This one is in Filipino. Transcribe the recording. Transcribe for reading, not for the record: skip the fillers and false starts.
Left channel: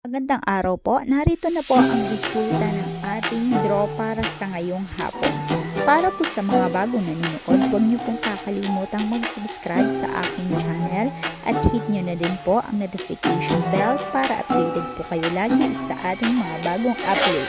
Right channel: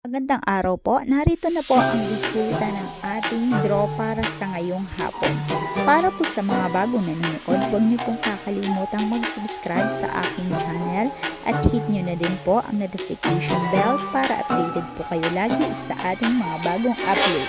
Magandang araw po. Narito na po ang resulta ng ating draw para sa ngayong hapon. Para po sa mga bagong nanonood, huwag niyo pong kakalimutang mag-subscribe sa aking channel at hit niyo na din po ang notification bell para updated po kayo lagi sa ating mga bagong upload.